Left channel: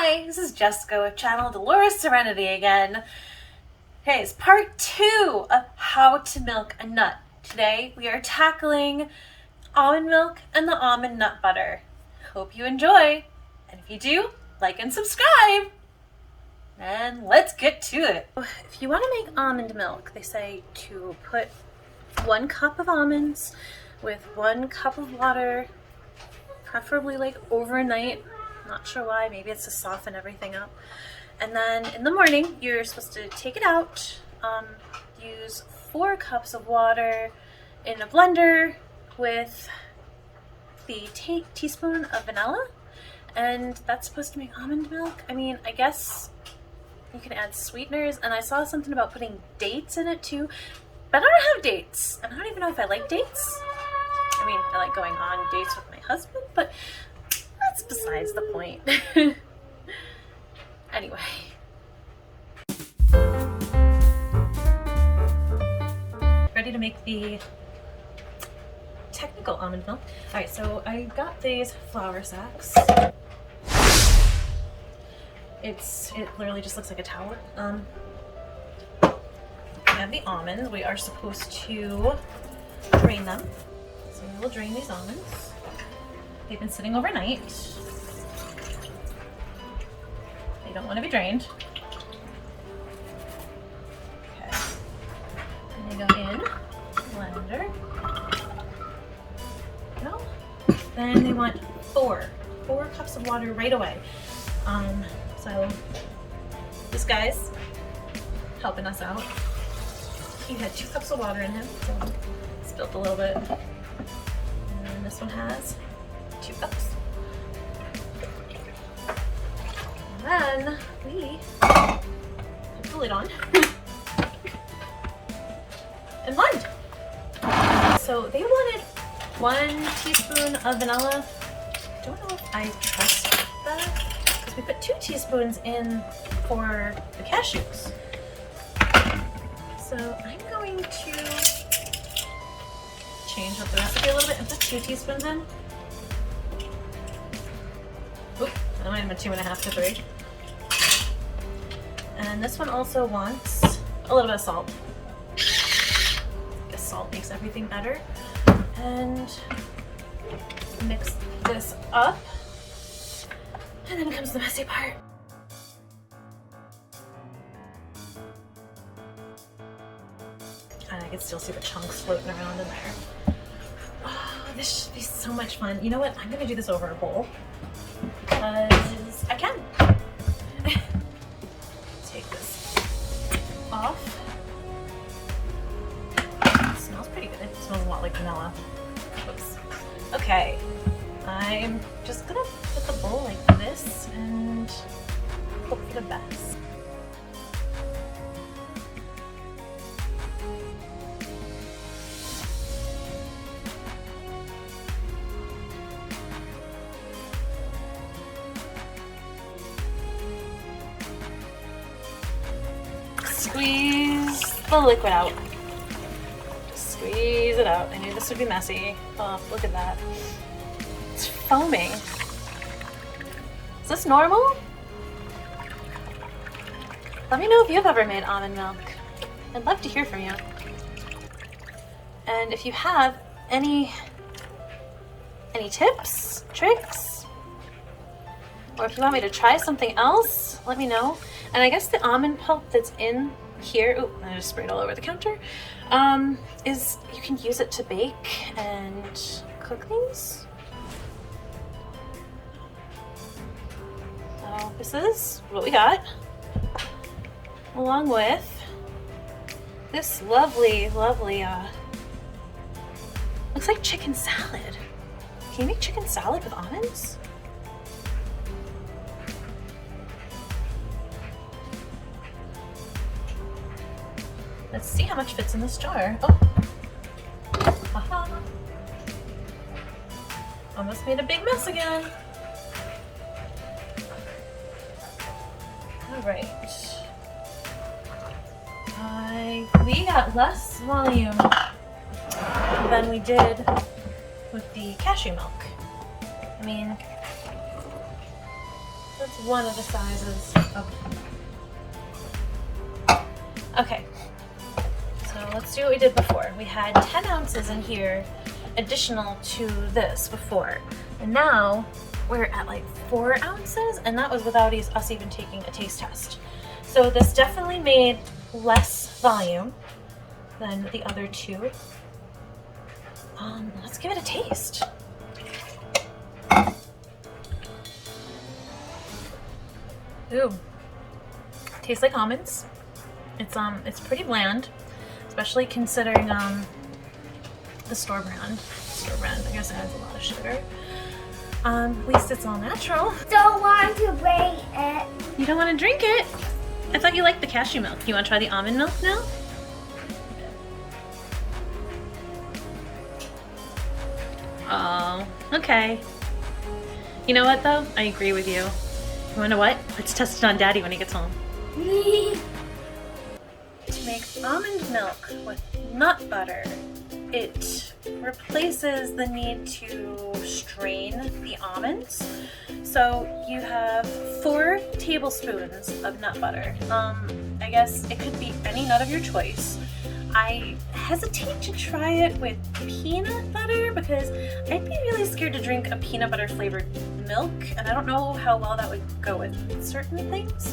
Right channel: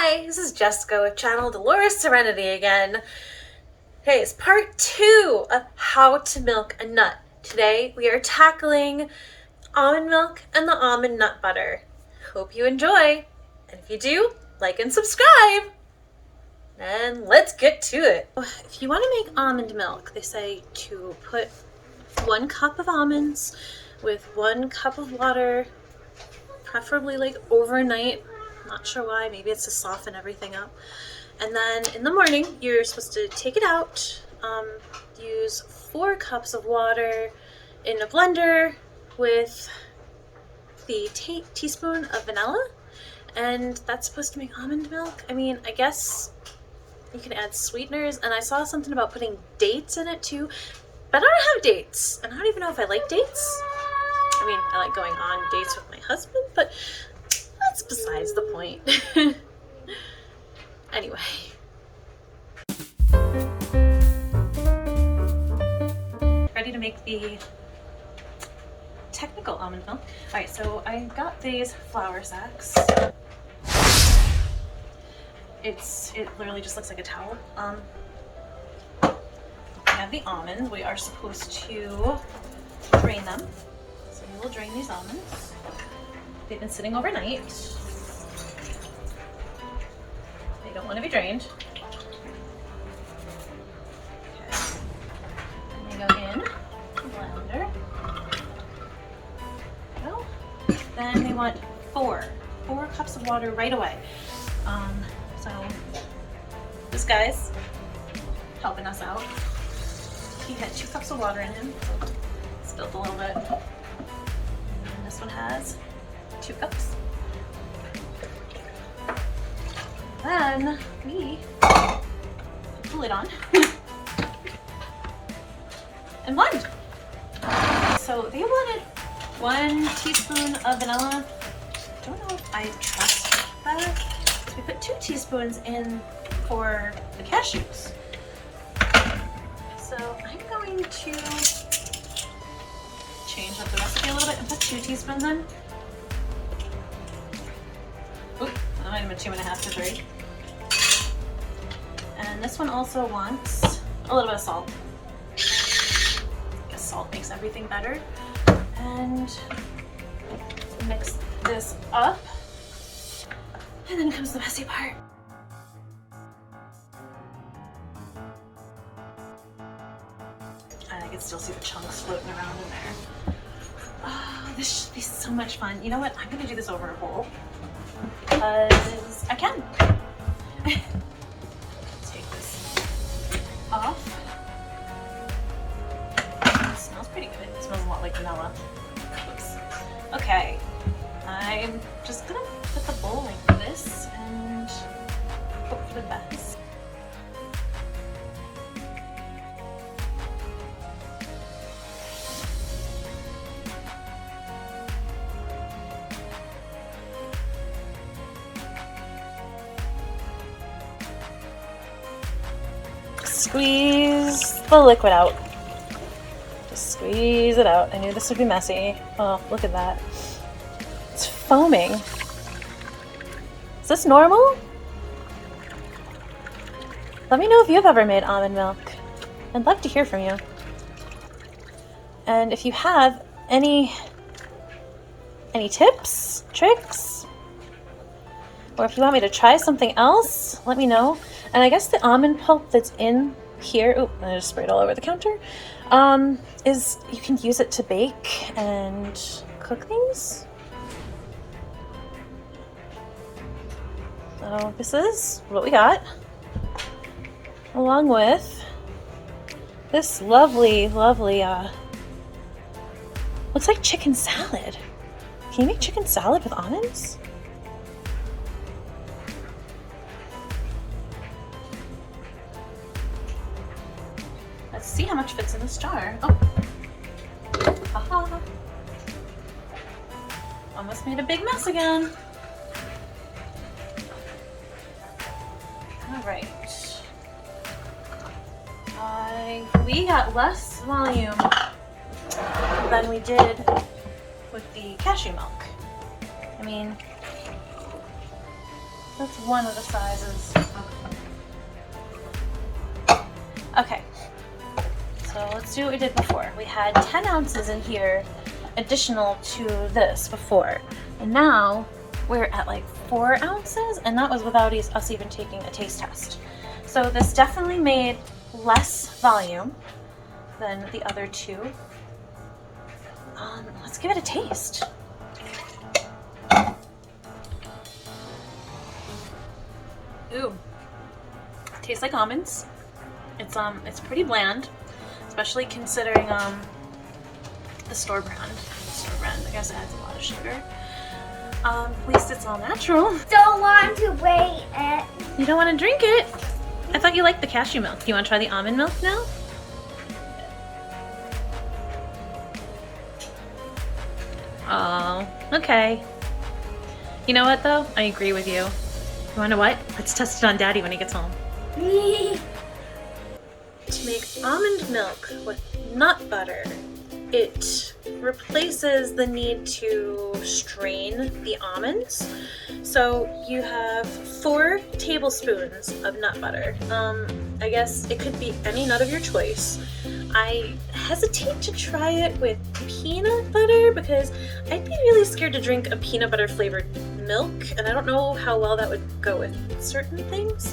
Hi, this is Jessica with channel Dolores Serenity again. Okay, it's part 2 of how to milk a nut. Today we are tackling almond milk and the almond nut butter. Hope you enjoy, and if you do, like and subscribe. And let's get to it. If you want to make almond milk, they say to put 1 cup of almonds with 1 cup of water, preferably like overnight. Not sure why, maybe it's to soften everything up. And then in the morning, you're supposed to take it out, use 4 cups of water in a blender with the teaspoon of vanilla, and that's supposed to make almond milk. I mean, I guess you can add sweeteners, and I saw something about putting dates in it too, but I don't have dates, and I don't even know if I like dates. I mean, I like going on dates with my husband, but that's besides the point. Anyway. Ready to make the technical almond milk. Alright, so I got these flour sacks. It literally just looks like a towel. We have the almonds. We are supposed to drain them. So we'll drain these almonds. They've been sitting overnight. They don't want to be drained. Okay. And they go in the blender. Well, then they want 4 cups of water right away. So this guy's helping us out. He had 2 cups of water in him. Spilled a little bit. And then this one has 2 cups. And then we put the lid on and blend. So they wanted 1 teaspoon of vanilla. Don't know if I trust that. We put 2 teaspoons in for the cashews. So I'm going to change up the recipe a little bit and put 2 teaspoons in. Oop, that might have been 2.5 to 3. And this one also wants a little bit of salt. I guess salt makes everything better. And mix this up. And then comes the messy part. I can still see the chunks floating around in there. Oh, this should be so much fun. You know what? I'm gonna do this over a bowl because I can. Take this off. It smells pretty good. It smells a lot like vanilla. Oops. Okay. I'm just gonna put the bowl like this and hope for the best. Squeeze the liquid out. Just squeeze it out. I knew this would be messy. Oh, look at that. It's foaming. Is this normal? Let me know if you've ever made almond milk. I'd love to hear from you. And if you have any tips, tricks, or if you want me to try something else, let me know. And I guess the almond pulp that's in here, oh, and I just sprayed all over the counter, is you can use it to bake and cook things. So this is what we got, along with this lovely, looks like chicken salad. Can you make chicken salad with almonds? Let's see how much fits in this jar. Oh, haha. Almost made a big mess again. All right. We got less volume than we did with the cashew milk. I mean, That's one of the sizes. Okay. So let's do what we did before. We had 10 ounces in here additional to this before. And now we're at like 4 ounces, and that was without us even taking a taste test. So this definitely made less volume than the other two. Let's give it a taste. Ooh, tastes like almonds. It's pretty bland, especially considering the store brand. I guess it has a lot of sugar. At least it's all natural. Don't want to wait it. You don't want to drink it? I thought you liked the cashew milk. You want to try the almond milk now? Oh, okay. You know what though? I agree with you. You wanna know what? Let's test it on Daddy when he gets home. To make almond milk with nut butter, it replaces the need to strain the almonds. So you have 4 tablespoons of nut butter. I guess it could be any nut of your choice. I hesitate to try it with peanut butter because I'd be really scared to drink a peanut butter flavored milk, and I don't know how well that would go with certain things.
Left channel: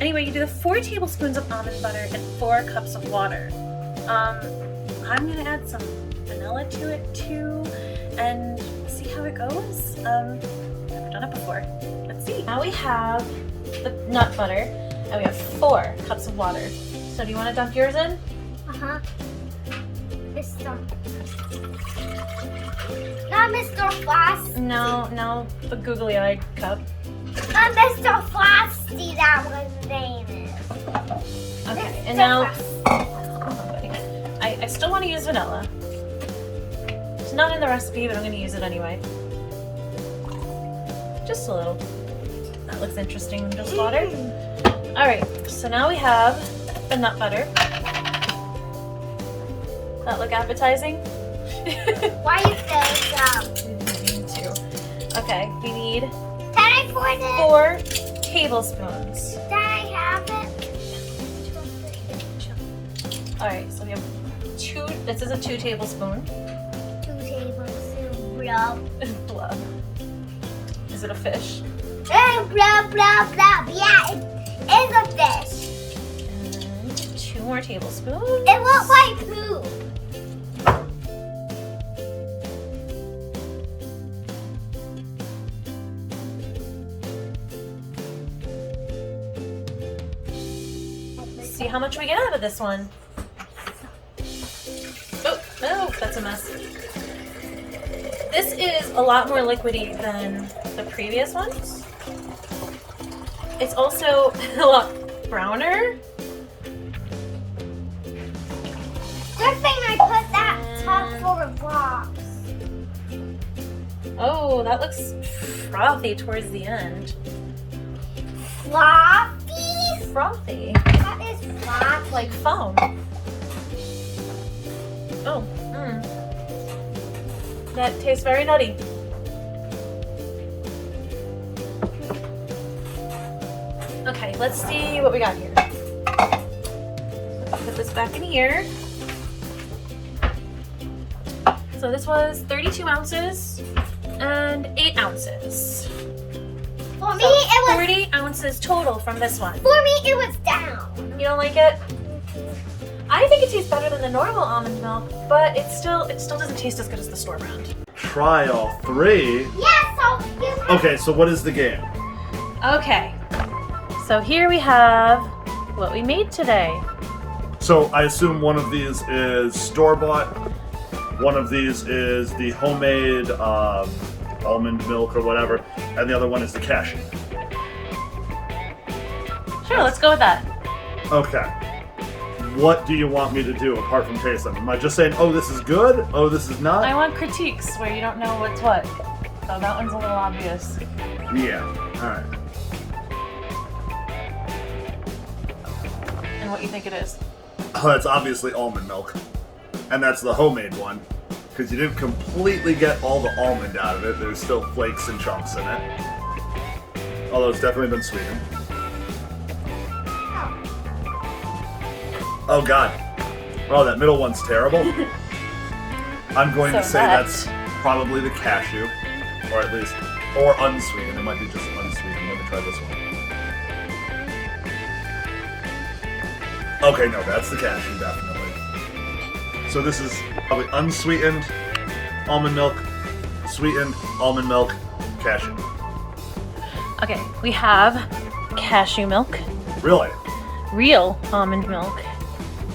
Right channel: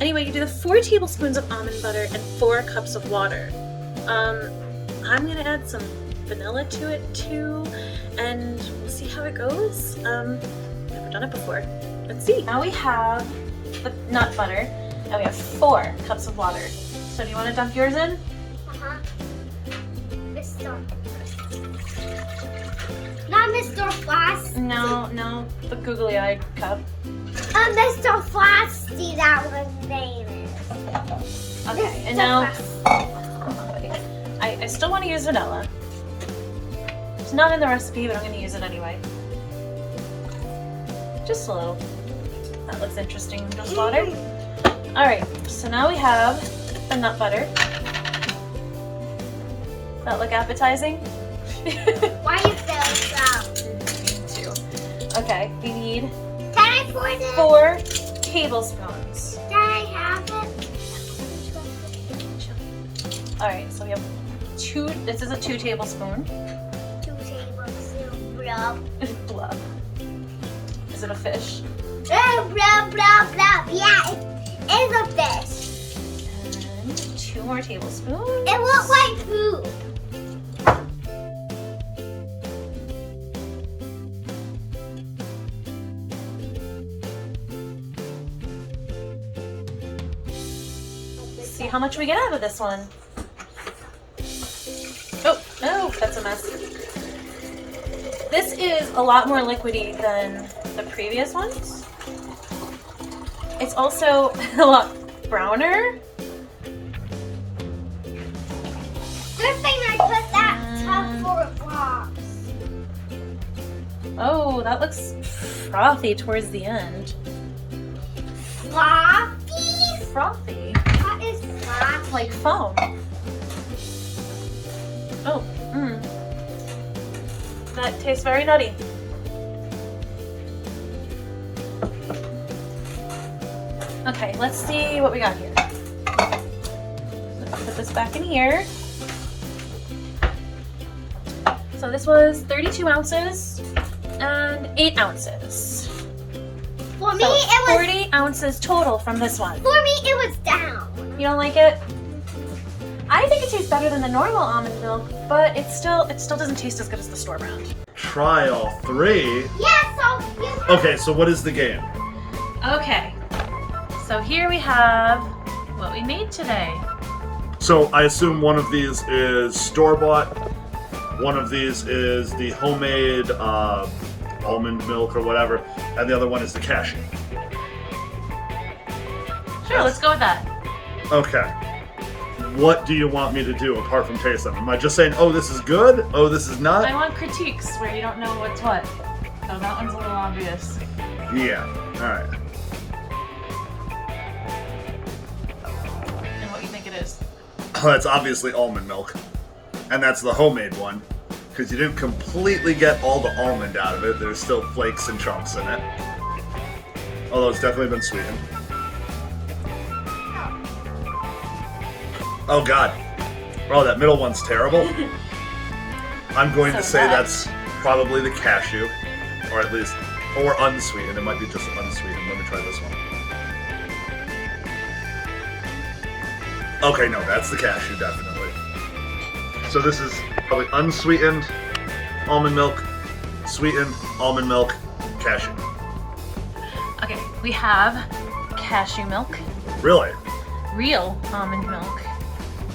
Anyway, you do the 4 tablespoons of almond butter and 4 cups of water. I'm gonna add some vanilla to it too, and see how it goes. Never done it before. Let's see. Now we have the nut butter, and we have 4 cups of water. So do you want to dunk yours in? Uh-huh. Mr. Not Mr. Frosty. No, the googly-eyed cup. Mr. Frosty, that was name is. Okay, Mr. and now Frosty. I still want to use vanilla. It's not in the recipe, but I'm going to use it anyway. Just a little. That looks interesting. Just water. All right, so now we have the nut butter. That look appetizing? Why you feel so? Me too. Okay, we need Can I pour this? 4 tablespoons. Can I have it? All right, so we have 2. This is a 2 tablespoon. 2 tablespoons. Blah. Blub. Is it a fish? Blah, blah, blah. Yeah, it is a fish. And 2 more tablespoons. It looks like food. See how much we get out of this one. Oh, no, that's a mess. This is a lot more liquidy than the previous ones. It's also a lot browner. Good thing I put that top full of blocks. Oh, that looks frothy towards the end. Floppy? Frothy? What is floppy? Like foam. Oh, that tastes very nutty. Okay, let's see what we got here. Let's put this back in here. So this was 32 ounces and 8 ounces. For me, So it was 40 ounces total from this one. For me, it was down. You don't like it? I think it tastes better than the normal almond milk, but it still doesn't taste as good as the store brand. Try all 3. Yeah, so you have Okay, so what is the game? Okay, so here we have what we made today. So I assume one of these is store-bought, one of these is the homemade almond milk or whatever, and the other one is the cashew. Sure, let's go with that. Okay. What do you want me to do apart from taste them? Am I just saying, oh, this is good? Oh, this is not? I want critiques where you don't know what's what. So that one's a little obvious. Yeah. Alright. And what you think it is. Oh, that's obviously almond milk. And that's the homemade one. Because you didn't completely get all the almond out of it. There's still flakes and chunks in it. although it's definitely been sweetened. Oh God. Oh, that middle one's terrible. I'm going to say that's probably the cashew, or at least, or unsweetened. It might be just unsweetened. Let me try this one. Okay, no, that's the cashew, definitely. So this is probably unsweetened almond milk, sweetened almond milk, cashew milk. Okay, we have cashew milk, Really? real almond milk,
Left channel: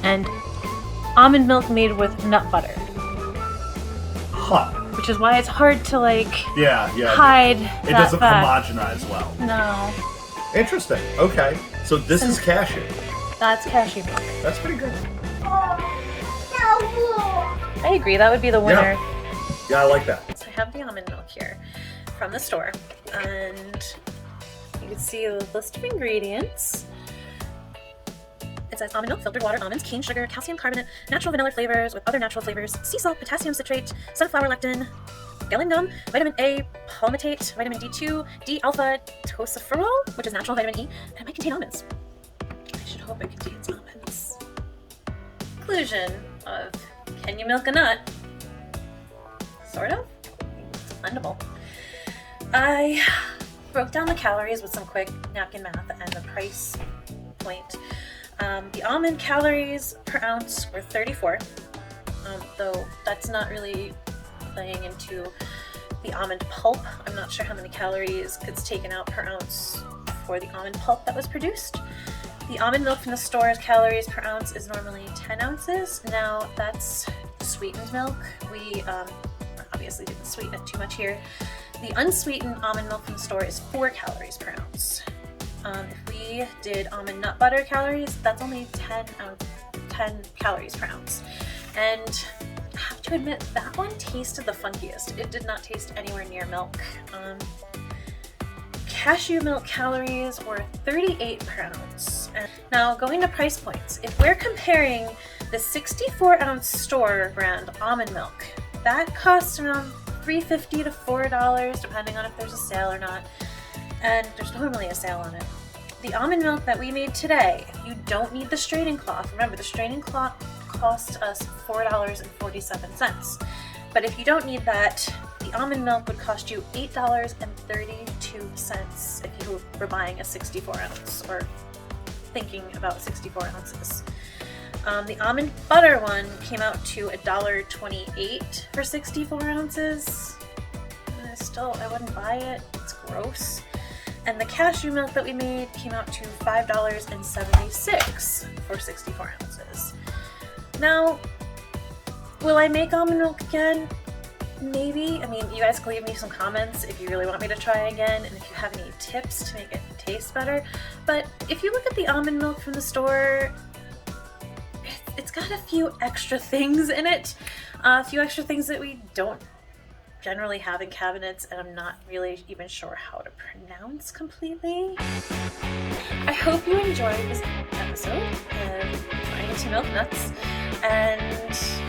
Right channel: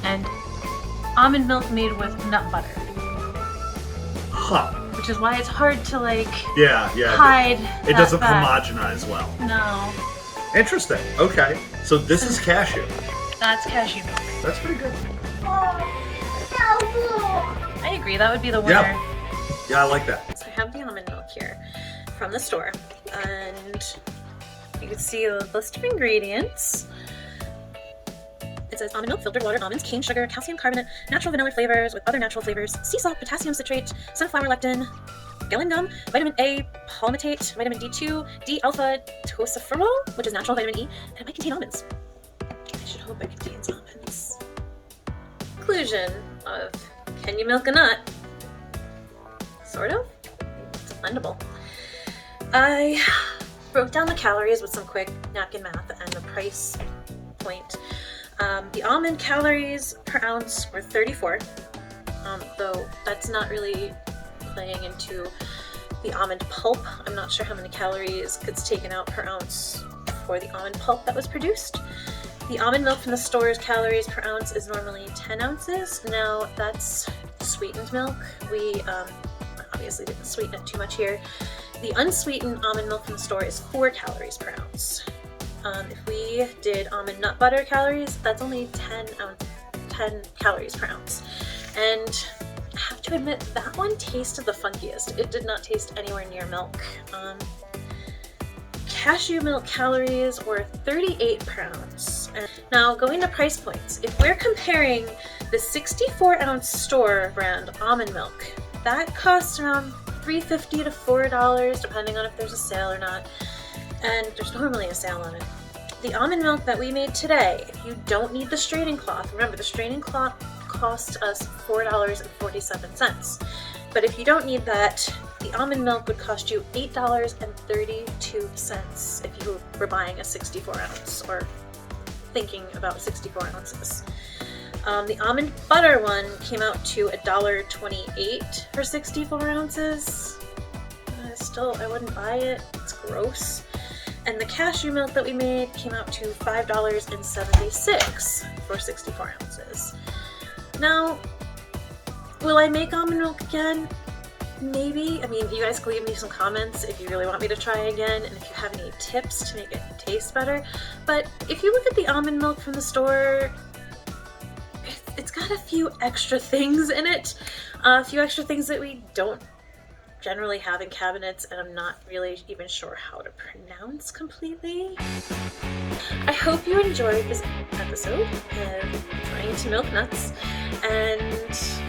and almond milk made with nut butter, Huh. which is why it's hard to like Yeah. hide. It doesn't homogenize well. No, Interesting. Okay. So this is cashew. that's cashew milk. That's pretty good. I agree, that would be the winner. Yeah, I like that. So I have the almond milk here from the store, and you can see the list of ingredients. It says almond milk, filtered water, almonds, cane sugar, calcium carbonate, natural vanilla flavors with other natural flavors, sea salt, potassium citrate, sunflower lectin, gellan gum, vitamin A, palmitate, vitamin D2, D-alpha tocopherol, which is natural vitamin E, and it might contain almonds. I should hope it contains almonds. Conclusion of can you milk a nut? Sort of. It's blendable. I broke down the calories with some quick napkin math and the price point. The almond calories per ounce were 34, though that's not really playing into the almond pulp. I'm not sure how many calories gets taken out per ounce for the almond pulp that was produced. The almond milk from the store's calories per ounce is normally 10 ounces. Now that's sweetened milk. We obviously didn't sweeten it too much here. The unsweetened almond milk from the store is 4 calories per ounce. If we did almond nut butter calories, that's only 10 calories per ounce. And I have to admit, that one tasted the funkiest. It did not taste anywhere near milk. Cashew milk calories were 38 per ounce. And now going to price points, if we're comparing the 64-ounce store brand almond milk, that costs around $3.50 to $4, depending on if there's a sale or not. And there's normally a sale on it. The almond milk that we made today, if you don't need the straining cloth, remember the straining cloth cost us $4.47. But if you don't need that, the almond milk would cost you $8.32 if you were buying a 64-ounce or thinking about 64 ounces. The almond butter one came out to $1.28 for 64 ounces. I wouldn't buy it. It's gross. And the cashew milk that we made came out to $5.76 for 64 ounces. Now, will I make almond milk again? Maybe. I mean, you guys can leave me some comments if you really want me to try again, and if you have any tips to make it taste better. But if you look at the almond milk from the store, it's got a few extra things in it. A few extra things that we don't generally have in cabinets, and I'm not really even sure how to pronounce completely. I hope you enjoyed this episode and trying to milk nuts, and if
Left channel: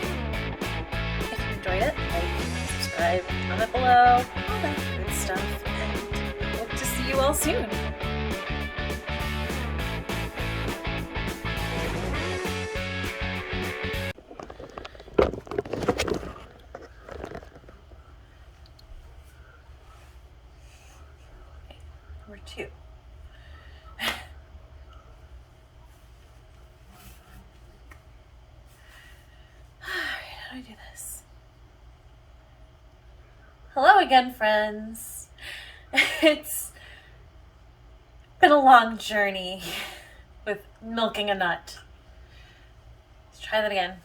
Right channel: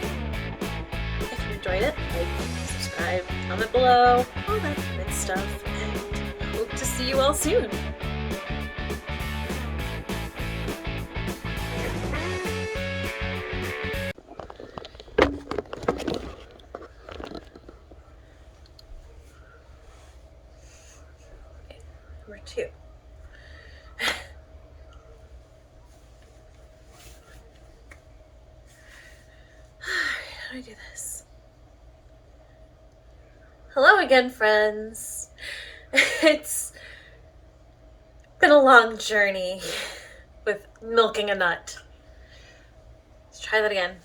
you enjoyed it, like, subscribe, comment below, all that good stuff, and I hope to see you all soon. Number 2. How do I do this? Hello again, friends. It's been a long journey with milking a nut. Let's try that again.